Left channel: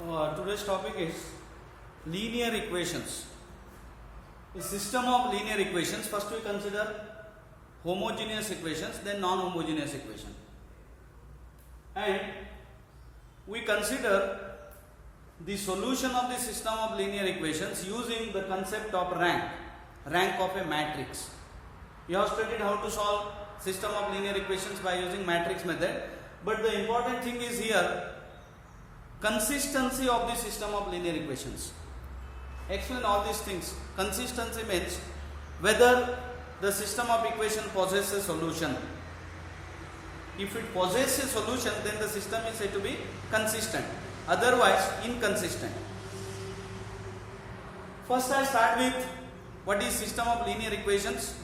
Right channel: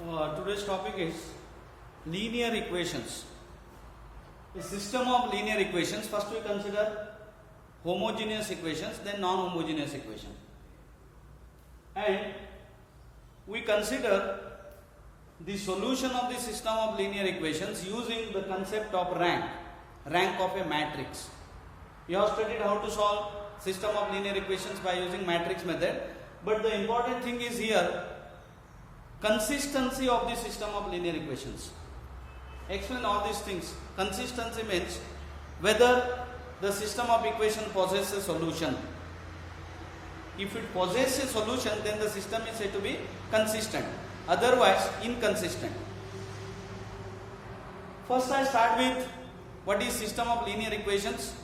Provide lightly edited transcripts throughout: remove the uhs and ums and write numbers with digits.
Today's topic is linear equations. A system of linear equations. First we consider homogeneous equations, then non-homogeneous equation. And we consider the solution of the system of linear equations using the concept of rank of a matrix. We have studied how to solve system of linear equations by using matrix method, but the important thing is here consistency of the system of linear equations. Explain all these things. Consistency means whether the system of equation possesses a solution. If it possesses a solution, then the system is said to be consistent. Otherwise, inconsistent. First I start with what is system of linear equations,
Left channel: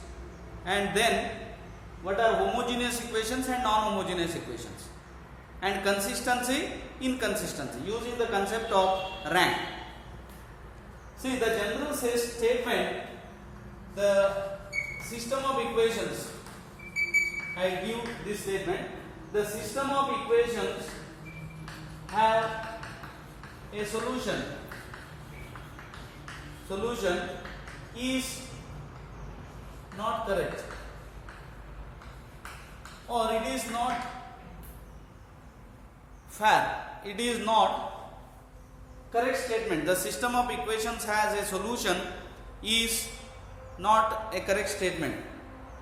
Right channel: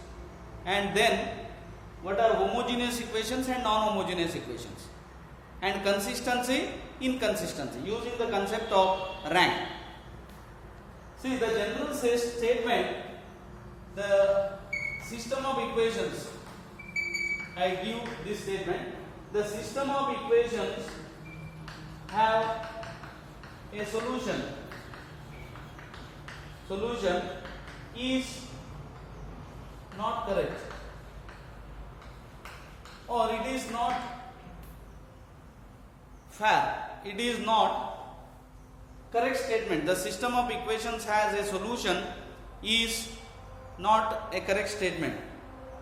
and then what are homogeneous equations and non-homogeneous equations, and consistency, inconsistency using the concept of rank. See, the general statement, the system of equations, I give this statement, the system of equations have a solution. Solution is not correct, or it is not fair. It is not correct statement. The system of equations has a solution is not a correct statement.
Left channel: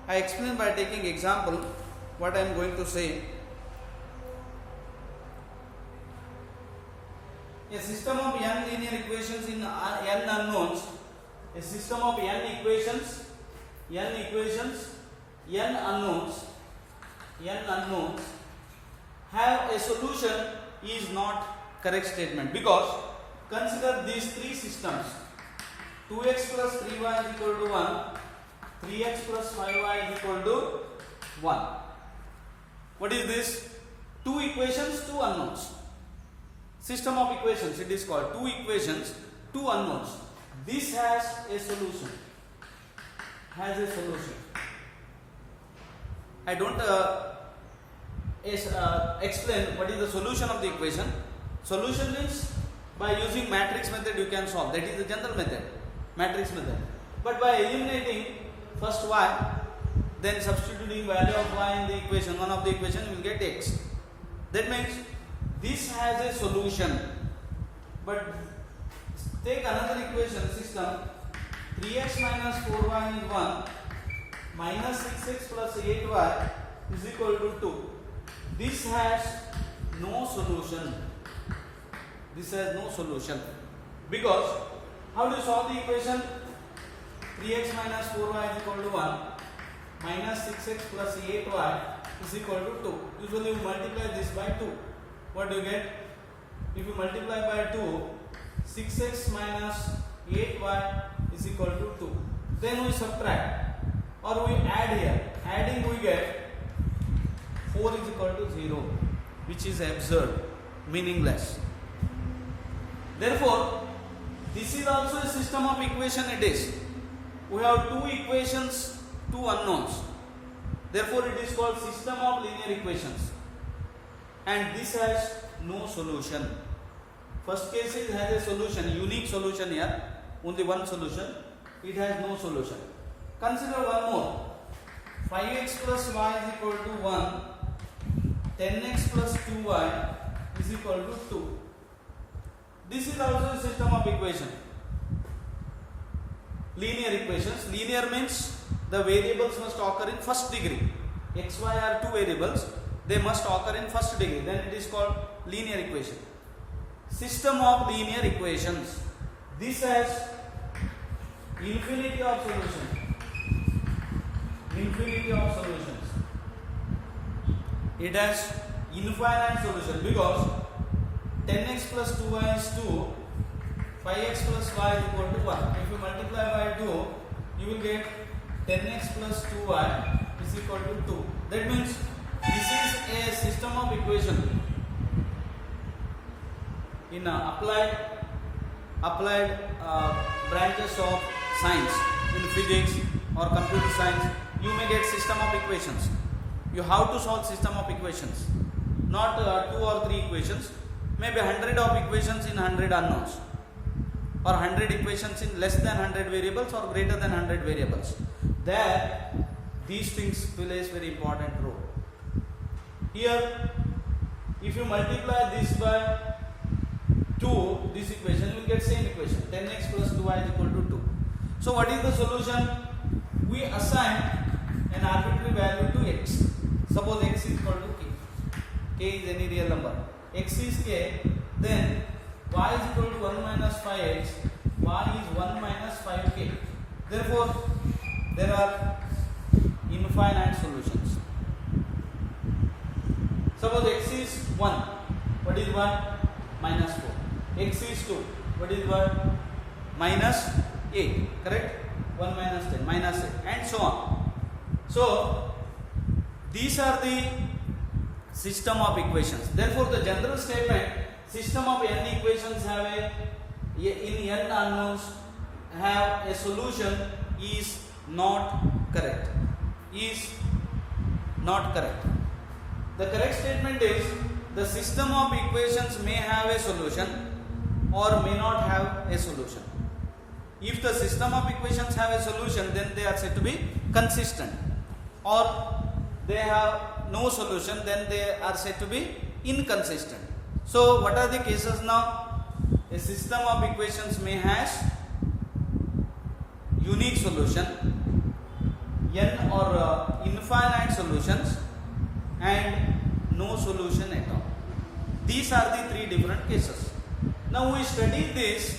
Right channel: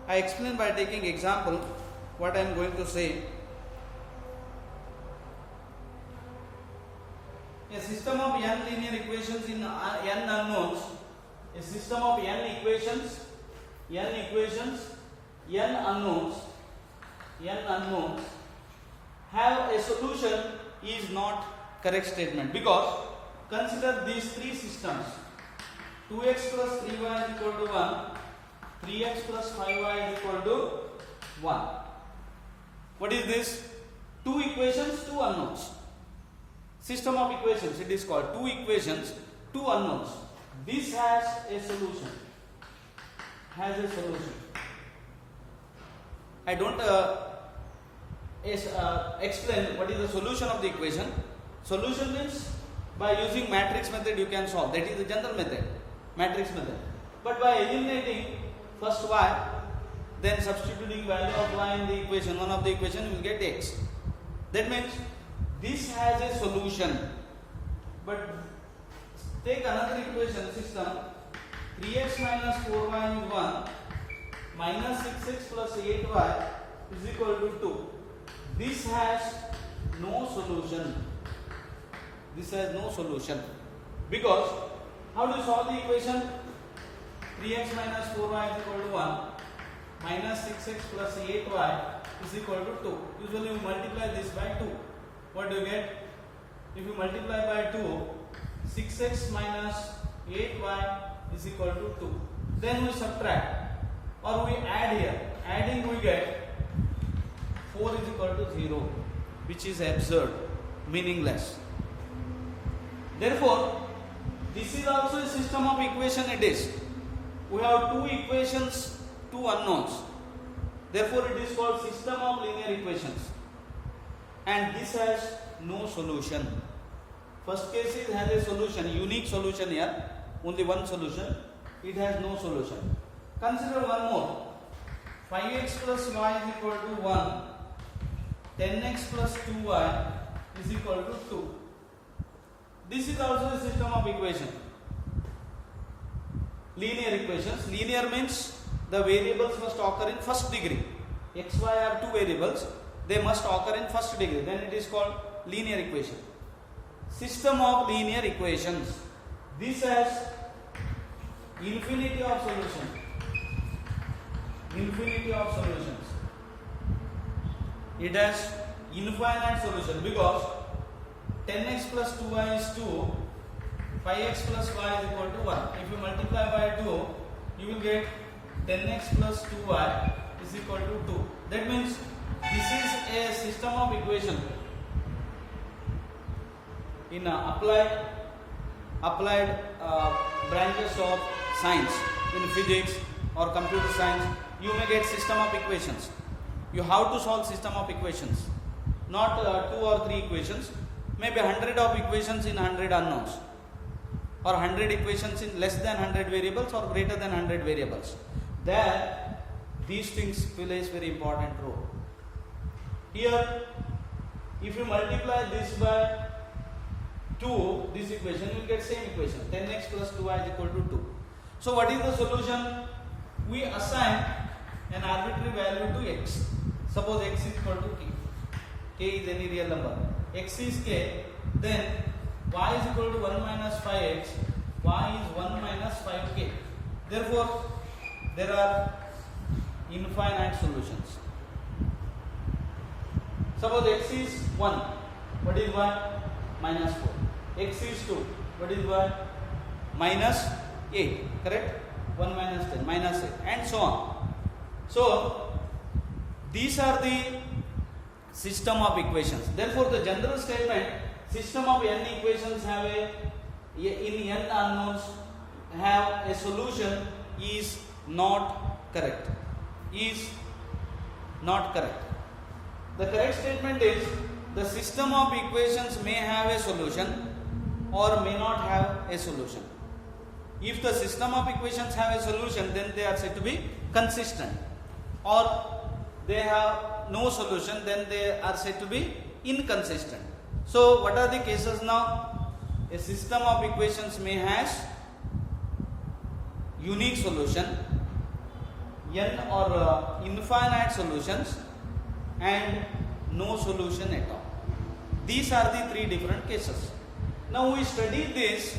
I explain by taking example what I am going to say. A system of n linear equations in n unknowns. A system of n equations, n unknowns have a solution is not correct statement, because consider these three systems: 2x plus 3y is equal to 1, 3x plus 5y is equal to 1. What is this? Two equations, two unknowns. System of equations, it is called two equations, two unknowns. This has a solution. I don't explain what is the solution of the equation. Solution means by using matrix method you can solve. That is the general method, matrix method. But by eliminating first y, then substituting value of y in the equation, one of the equation, you will get x. That means this has a solution. But take another equation system, 3x minus 4y is 1, minus 6x plus 8y is equal to 2. This has no solution. Because how do you solve the equation? 3x minus 4y is equal to 1, minus 6x plus 8y is equal to 2. Usually you multiply this by 2. What do you get? If you multiply by 2, 6x minus 8y is equal to 2. Then we subtract or we add here. Adding we get 4 is equal to 0, which is absurd, meaningless. Therefore, this is also a system of equation. It is. We have two equations, two unknowns. Therefore, it is called system of linear equations. And this has no solution. First case it has a solution, unique solution here, only one solution. It has no solution. Consider one more. 5x plus y is equal to 1, 10x plus 2y is equal to 2. This is also a system of equation. Linear equations. Linear means the variables must occur in first degree. X, y are two variables. They must occur in first degree. Then it is called linear equation. System of linear equations. This has infinity of solutions. It has infinite solution, because 10x plus 2y is 2, 5x plus y is equal to 1. If you multiply by 2, you will get 10x plus 2y is equal to 2. That means this is a system of equation. In applied branches of science, in physics or computer science, you may get system of equations. You have to solve system of equations, not 2 or 3 equations. maybe 100 of equations in 100 unknowns, or 100 equations in less than 100 variables or greater than 100 variables. There, these things plays very important role. Here, if you multiply this by 2, this equation, you will get same equation, 10x plus 2y is equal to 2. So what is the solution? We assign an arbitrary value to x. Suppose x is equal to k. K is any real number. X is k, then y is equal to 1 minus 5x, y is 1 minus 5k. Therefore, there are infinite solutions. Suppose x is 1, what is y? Minus 4. X is 2, what is y? Minus 8, correct? 1 minus 10, minus 8, and so on. So, these are the system of equations. Therefore, the general statement, system of n equations have in n unknowns have a solution is not correct. Is not correct. The correct statement is the system of equations may have a solution or may not have a solution. If the system of equations have a solution, then they are said to be consistent, or they have no solution, then they are said to be inconsistent. So what are the cases now? A system of equations may has unique solution, n or infinite solutions, and no solution at all. These are the three different cases. Now we study this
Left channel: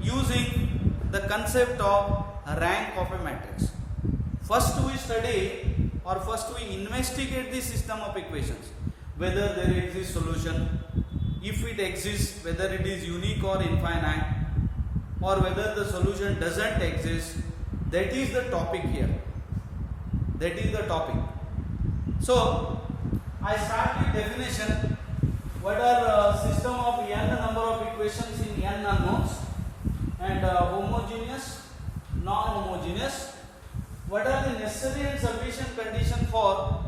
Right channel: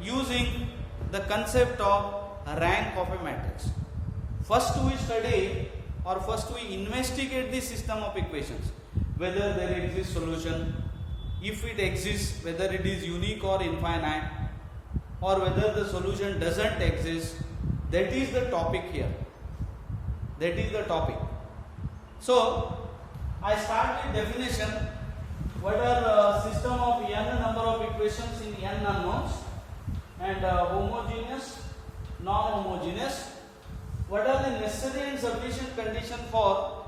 using the concept of rank of a matrix. First we study, or first we investigate the system of equations, whether there exists solution, if it exists, whether it is unique or infinite, or whether the solution doesn't exist. That is the topic here. That is the topic. So I start with definition. What are system of n number of equations in n unknowns, and homogeneous, non-homogeneous. What are the necessary and sufficient conditions for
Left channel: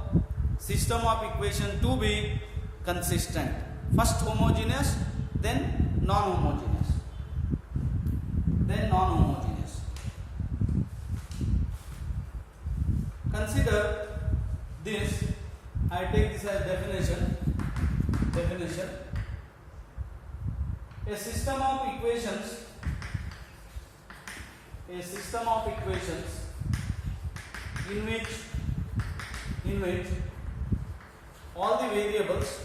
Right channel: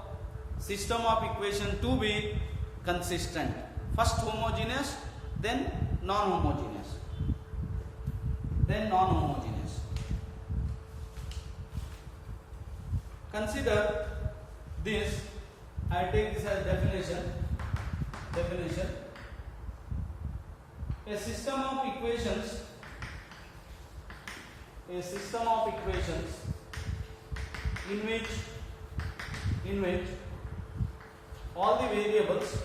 system of equation to be consistent? First homogeneous, then non-homogeneous. Then non-homogeneous. Consider this. I take this as definition. A system of equations. A system of equations in which all the variables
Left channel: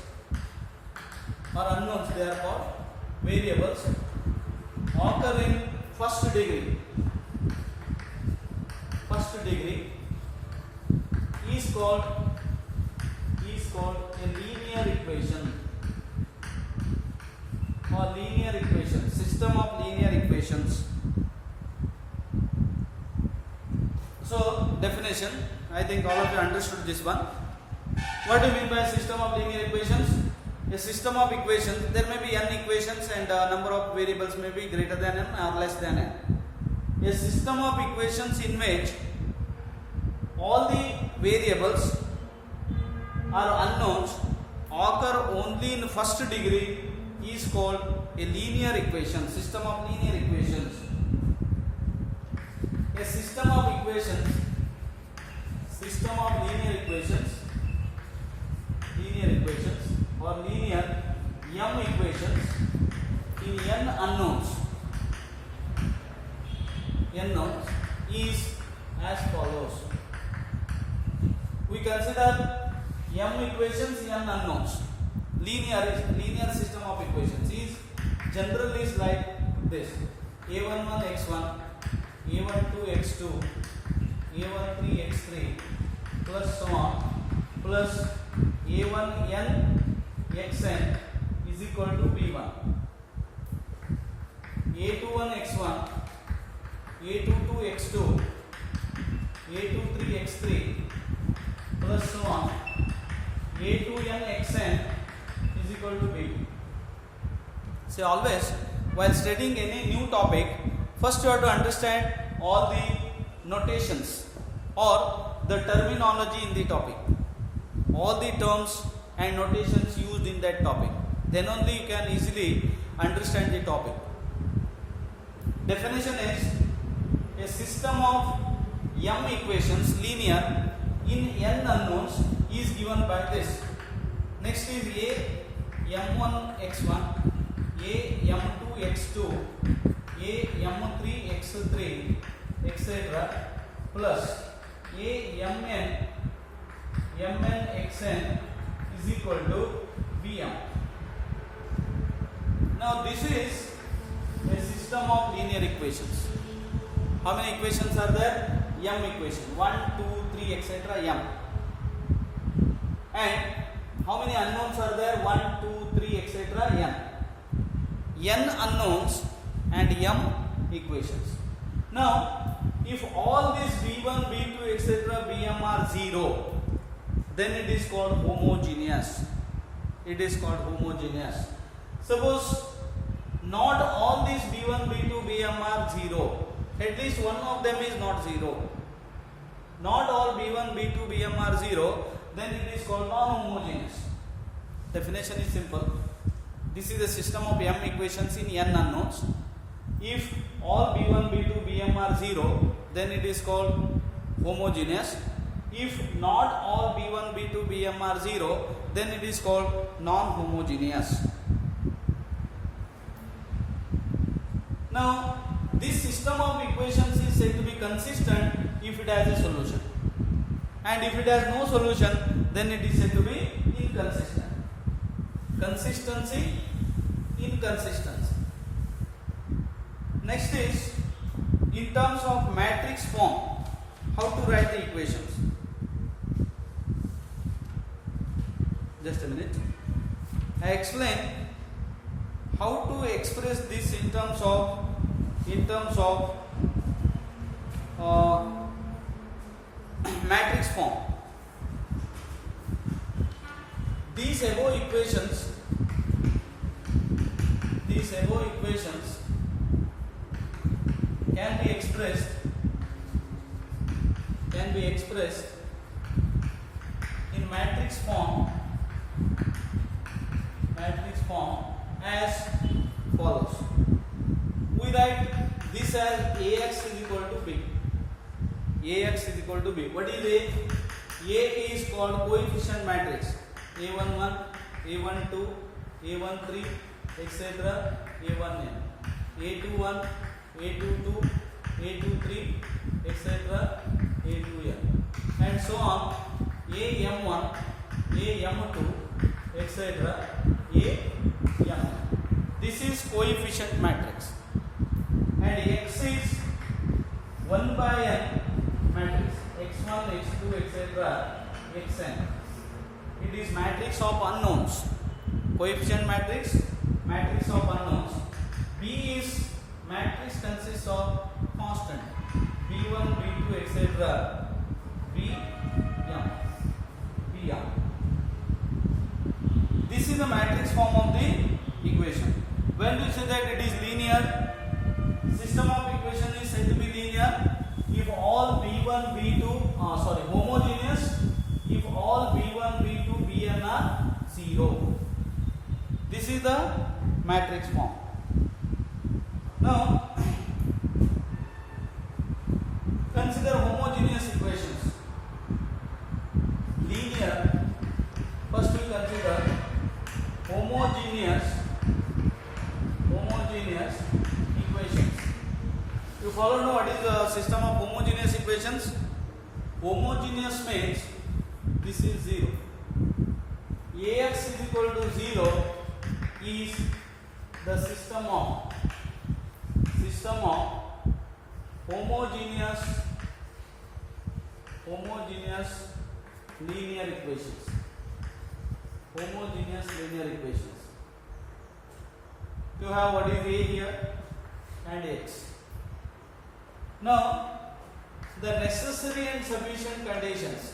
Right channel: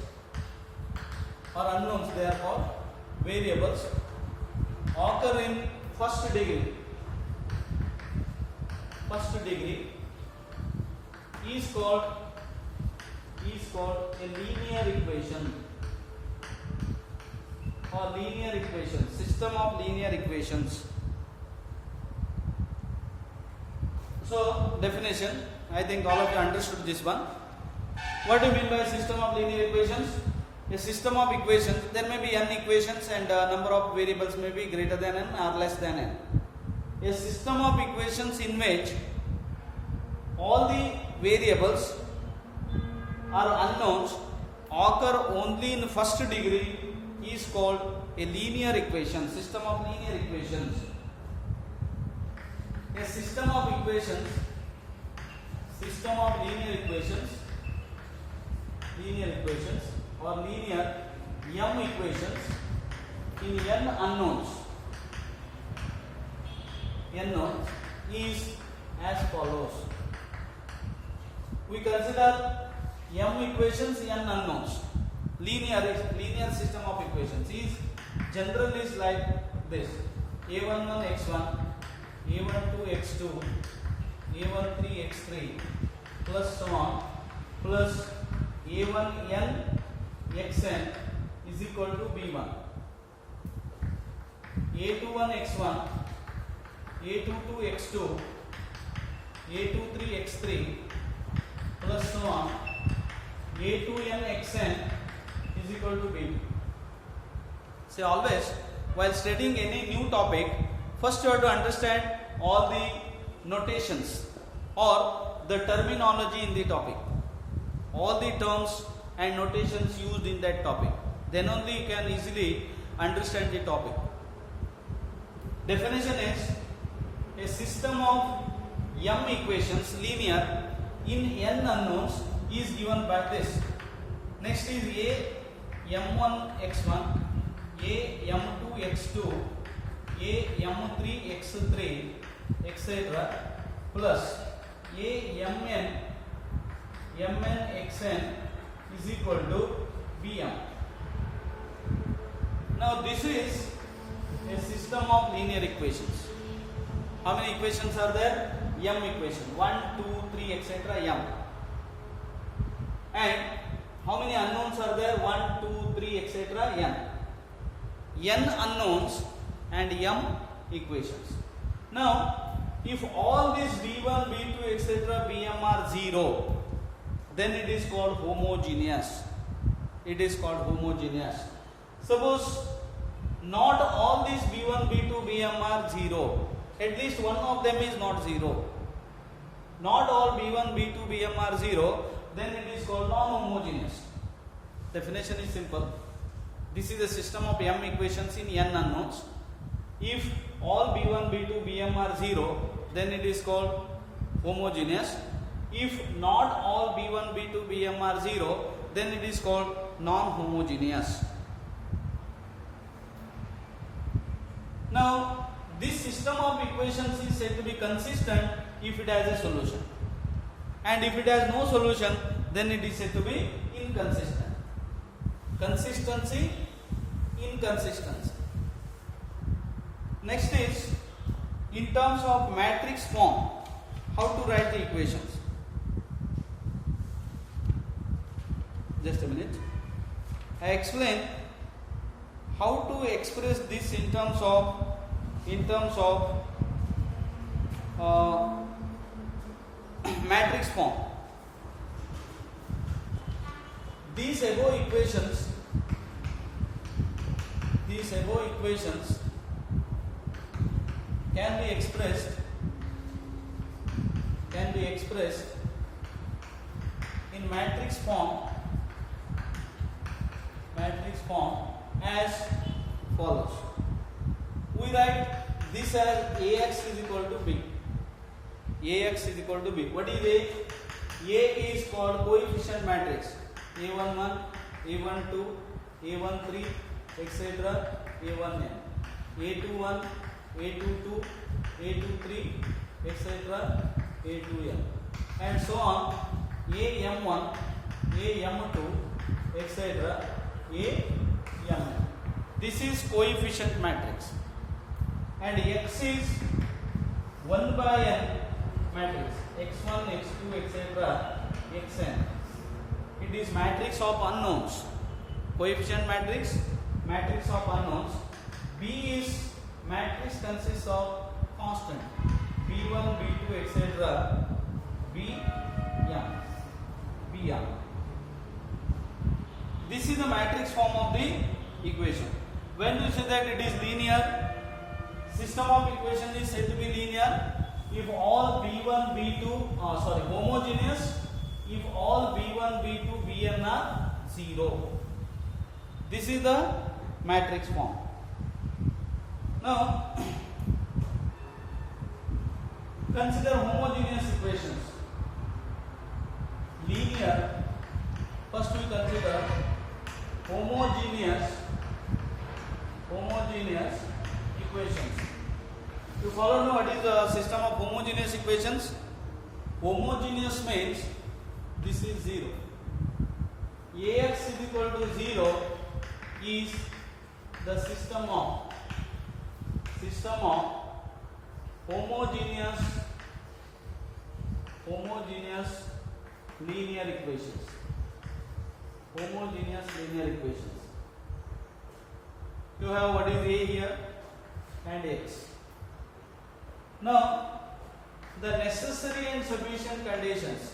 or unknowns, they are called variables, occur in first degree. First degree is called a linear equation, or linear equation, system of linear equations. So definition, I think all of you understood this one. What do you mean by system of linear equations? A system of equations, there may be n equations and number of variables may be greater than n or less than n. A system of equations in which all the variables or unknowns occur only in first degree is called a linear equation, system of linear equations. A system of equations, or linear m equations in n unknowns is as follows. We consider m equations, n unknowns. Linear system of equations is generally is like this: a11 x1, a12 x2, a13 x3 plus so on, plus a1n xn is equal to b1, a21 x1, a22 x2, a23 x3 plus so on, a2n xn is equal to b2. So always while studying any new topic, first you have to understand all the notations or the terminology in the topic, all the terms and notations used in that topic. Then only you can easily understand the topic. Definition is a system of m equations linear in n unknowns is given by this. Next is a m1 x1, a m2 x2, a m3 x3, etc. plus a mn xn is equal to bm. Now this is a system of linear equations. How many equations are there? M equation 1, 2, 3, etc. m. And how many unknowns are there? 1, 2, 3, etc. n. N unknowns and m equations. Now, if all these b1, b2, etc. bm are 0, then it is called homogeneous. It is called homogeneous. Suppose not all these b1, b2, bm are 0. At least one of them is not 0. Not all b1, b2, bm are 0. Then it is called non-homogeneous. Definition is simple. This is a system of m equations in n unknowns. If all b1, b2, bm are 0, then it is called homogeneous. If not all b1, b2, bm are 0, then it is called non-homogeneous. Now, this system of equations is said to be consistent if it has a solution. And if it has no solution, then it is said to be inconsistent. Consistency, inconsistency. Next is, in terms of matrix form, how to write the equations. Just a minute. I explain how to express this in terms of matrix form. These above equations can be expressed in matrix form as follows. We write this as Ax is equal to B. Ax is equal to B. What is A? A is called coefficient matrix. A11, A12, A13, etc. A1n. A21, A22, A23, etc. A2n. And so on. AM1, AM2, etc. AM. This is coefficient matrix. And X is 1 by n matrix. X1, X2, etc. Xn. It is matrix of unknowns. Coefficient matrix, matrix of unknowns. B is matrix consists of constant. B1, B2, etc. Bm. This is the matrix form of the equation. When we say that it is linear, system of equation is said to be linear if all b1, b2, homogeneous if all b1, b2, bn are 0. This is the matrix form. Now, consider homogeneous equations. Linear. First we consider homogeneous equations. You follow know what is the system of homogeneous equations? Homogeneous means this is 0. Ax is equal to 0 is the system of homogeneous linear equations. Homogeneous linear equations. You have what is A here and X. Now, the necessary and sufficient conditions.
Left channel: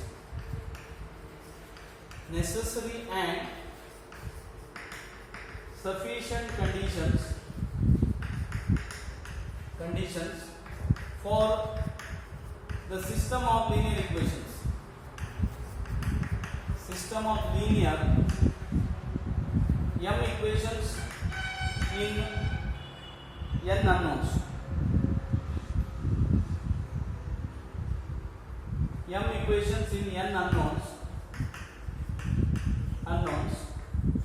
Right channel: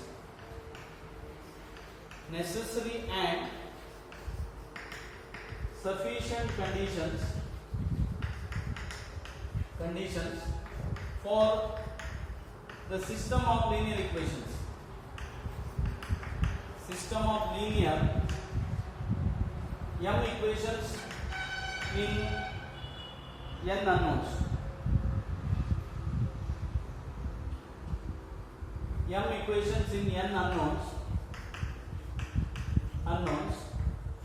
Necessary and sufficient conditions for the system of linear equations. System of linear m equations in n unknowns. M equations in n unknowns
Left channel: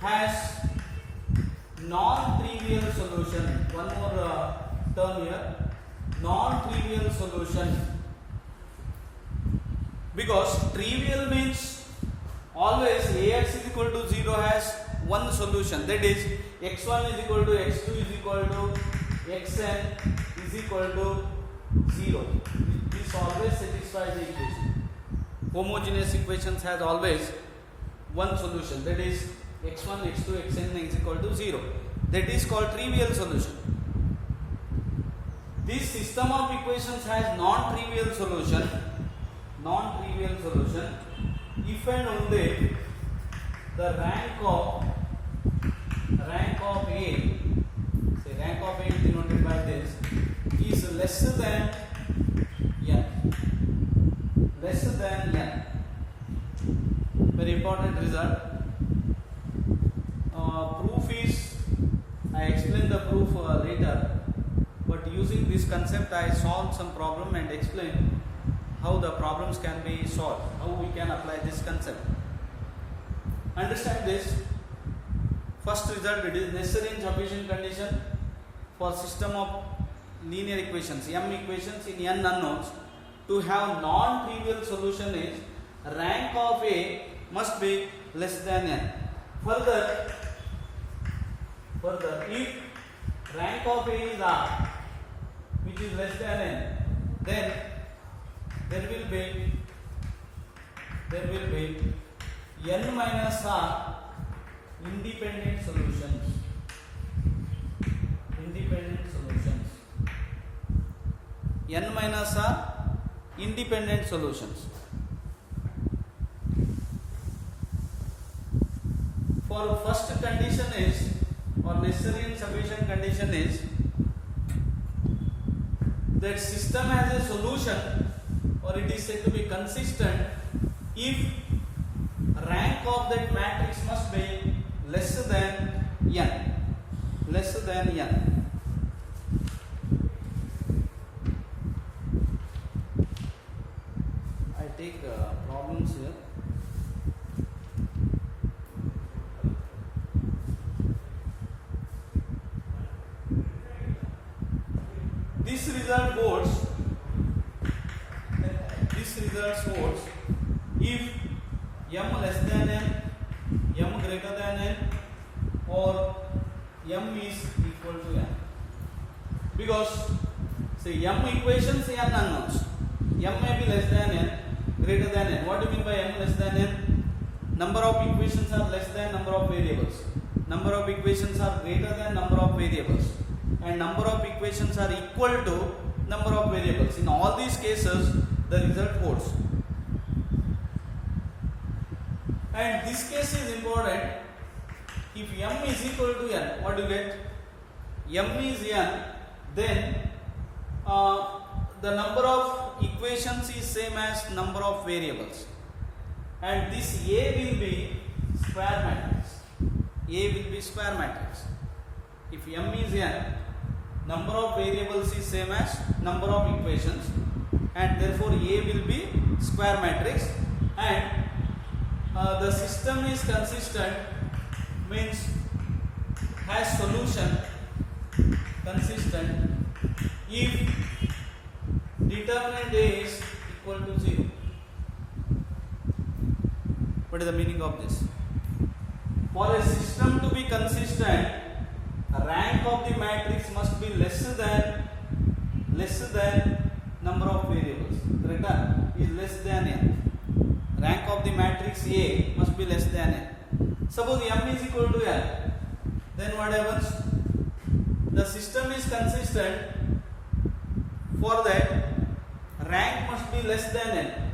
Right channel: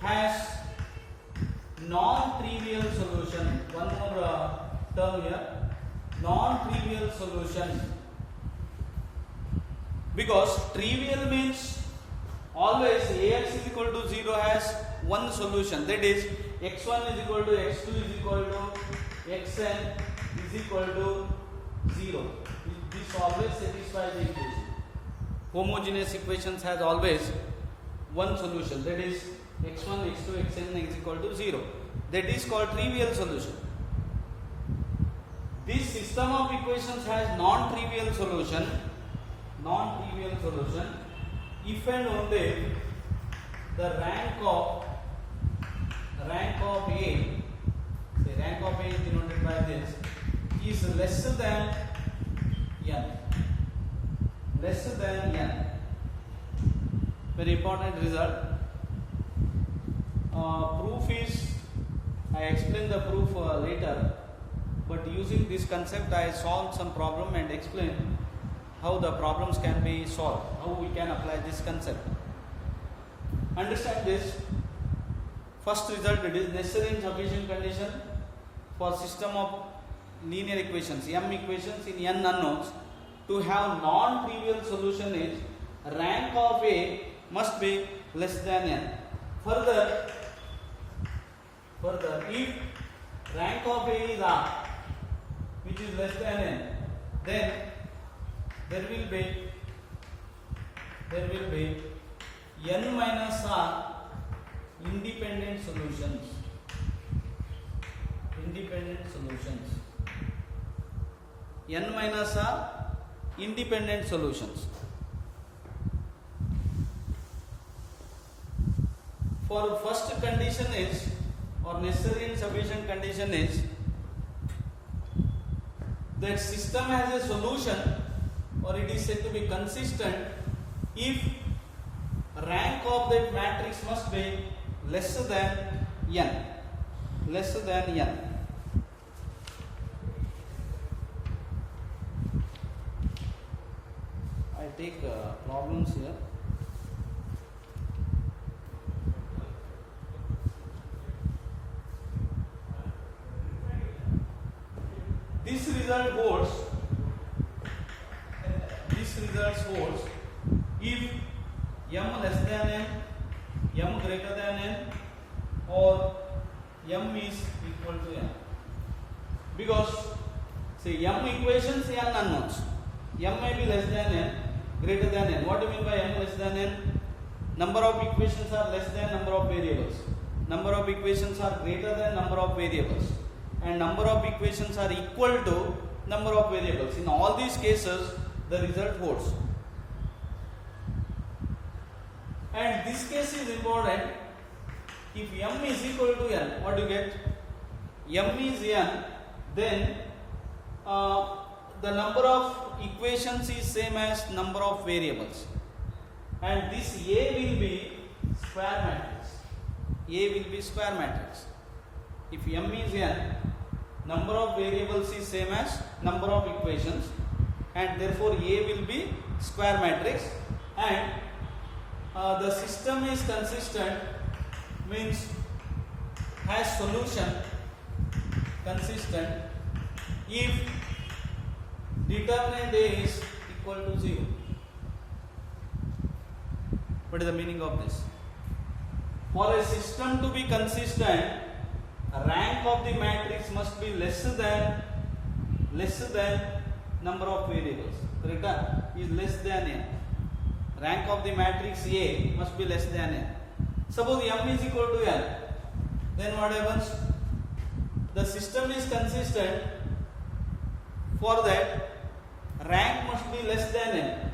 has non-trivial solution. One more term here, non-trivial solution, because trivial means always ax is equal to 0 has one solution, that is x1 is equal to x2 is equal to xn is equal to 0. This always satisfies the equation. Homogeneous equations has always one solution, that is x1, x2, xn is equal to 0. That is called trivial solution. This system of equations has non-trivial solution if and only the rank of A, say rank of A is denoted by this, is less than n. Very important result. Proof is, I explain the proof later, but using this concept I solve some problem and explain how the problems can be solved, how we can apply this concept. Understand this. First result, it is necessary and sufficient condition for system of linear equations, m equations in n unknowns, to have non-trivial solution is rank of A must be less than n. Further, if rank of A is R, which is less than n, then there will be n minus R independent solutions. N minus R independent solutions. For first condition is, or necessary and sufficient condition is, that system has a solution, or it is said to be consistent, if rank of that matrix must be less than n. I take problems here. This result holds if m less than n, m greater than n, or m is equal to n. Because say m equations, n unknowns, m may be less than n, greater than n. What do you mean by m less than n? Number of equations are less than number of variables. Number of equations are greater than number of variables, and number of equations are equal to number of variables. In all these cases, the result holds. And this case is important. If m is equal to n, what do you get? M is n, then the number of equations is same as number of variables, and this A will be square matrix. If m is n, number of variables is same as number of equations, and therefore A will be square matrix, and the system is consistent, means has solution consistent if determinant A is equal to 0. What is the meaning of this? For a system to be consistent, rank of the matrix must be less than number of variables. Correct? Is less than n. Rank of the matrix A must be less than n. Suppose m is equal to n, then what happens? The system is consistent. For that, rank must be less than n.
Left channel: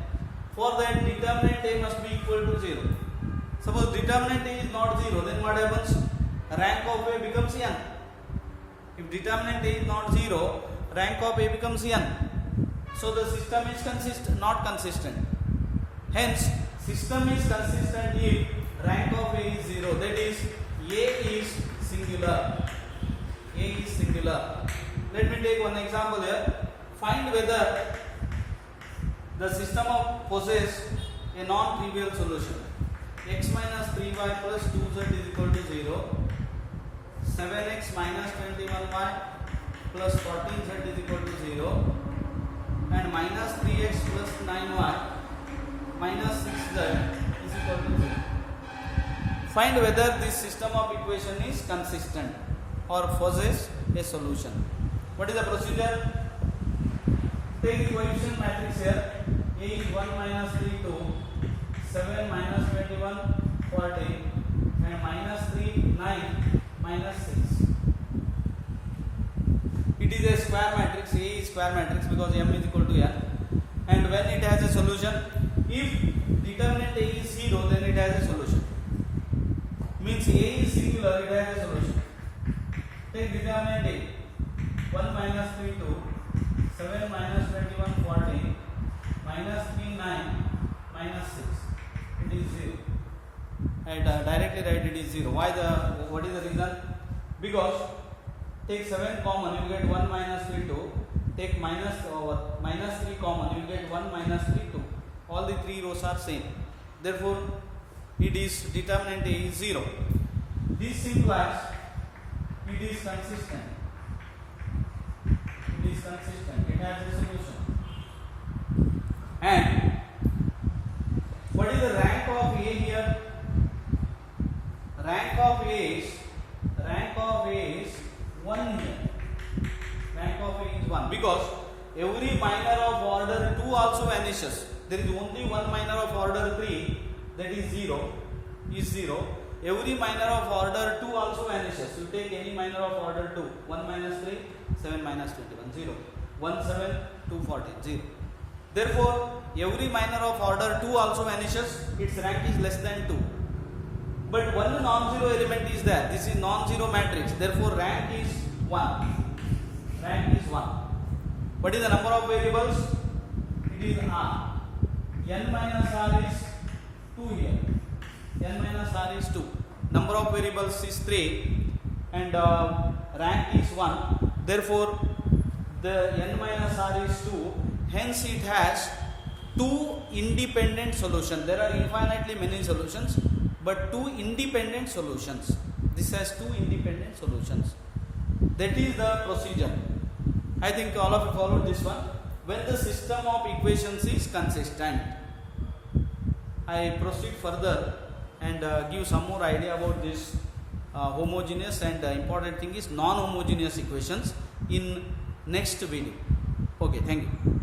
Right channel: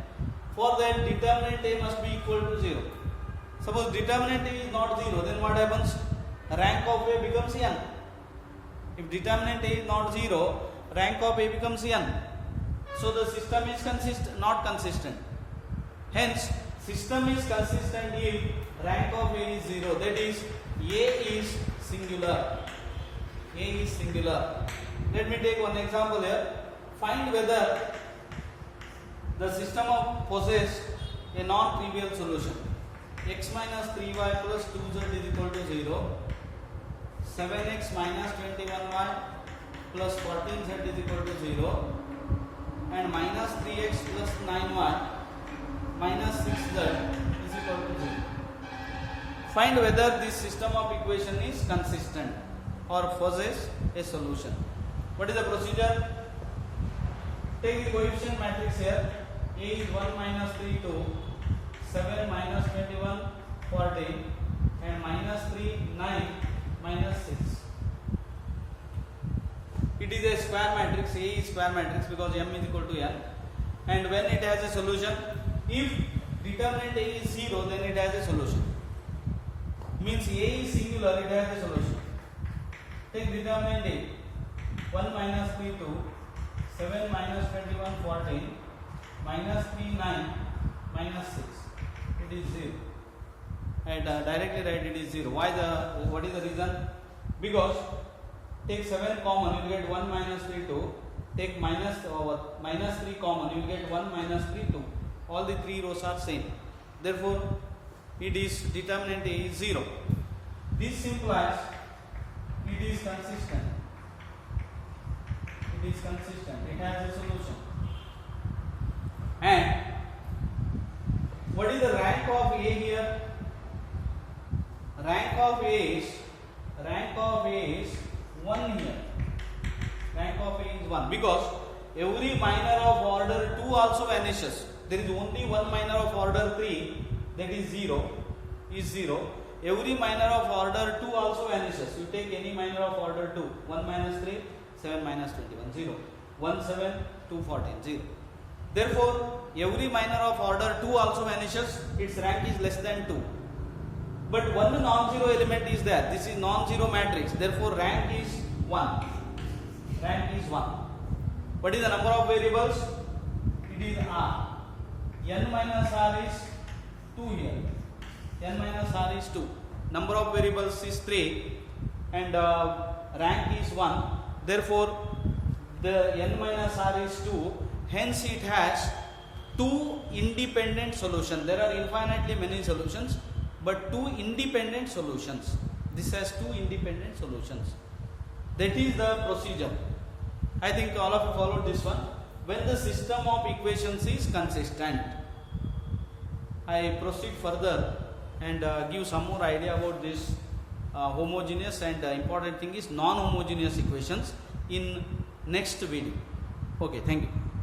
For that, determinant A must be equal to 0. Suppose determinant A is not 0, then what happens? Rank of A becomes n. If determinant A is not 0, rank of A becomes n. So the system is not consistent. Hence, system is consistent if rank of A is 0. That is, A is singular. A is singular. Let me take one example here. Find whether the system of possess a non-trivial solution. X minus 3y plus 2z is equal to 0. 7x minus 21y plus 14z is equal to 0. And minus 3x plus 9y minus 6z is equal to 0. Find whether this system of equation is consistent or possess a solution. What is the procedure? Take the coefficient matrix here. A is 1 minus 3 2, 7 minus 21 40, and minus 3 9 minus 6. It is a square matrix. A is square matrix because m is equal to n. And when it has a solution, if determinant A is 0, then it has a solution. Means A is singular, it has a solution. Take determinant A. 1 minus 3 2, 7 minus 21 40, minus 3 9 minus 6. It is 0. And directly write it is 0. What is the reason? Because take 7 common, you will get 1 minus 3 2. Take minus 3 common, you will get 1 minus 3 2. All the three rows are same. Therefore, it is determinant A is 0. This implies it is consistent. It is consistent. It has a solution. And what is the rank of A here? Rank of A is 1 here. Rank of A is 1 because every minor of order 2 also vanishes. There is only one minor of order 3, that is 0. Every minor of order 2 also vanishes. You take any minor of order 2. 1 minus 3, 7 minus 21, 0. 1 7, 2 14, 0. Therefore, every minor of order 2 also vanishes. Its rank is less than 2. But one non-zero element is there. This is non-zero matrix. Therefore, rank is 1. Rank is 1. What is the number of variables? It is r. N minus r is 2 here. N minus r is 2. Number of variables is 3 and rank is 1. Therefore, the n minus r is 2. Hence, it has 2 independent solutions. There are infinitely many solutions, but 2 independent solutions. This has 2 independent solutions. That is the procedure. I think all of you followed this one. When the system of equations is consistent, I proceed further and give some more idea about this homogeneous and important thing is non-homogeneous equations in next video. Okay, thank you.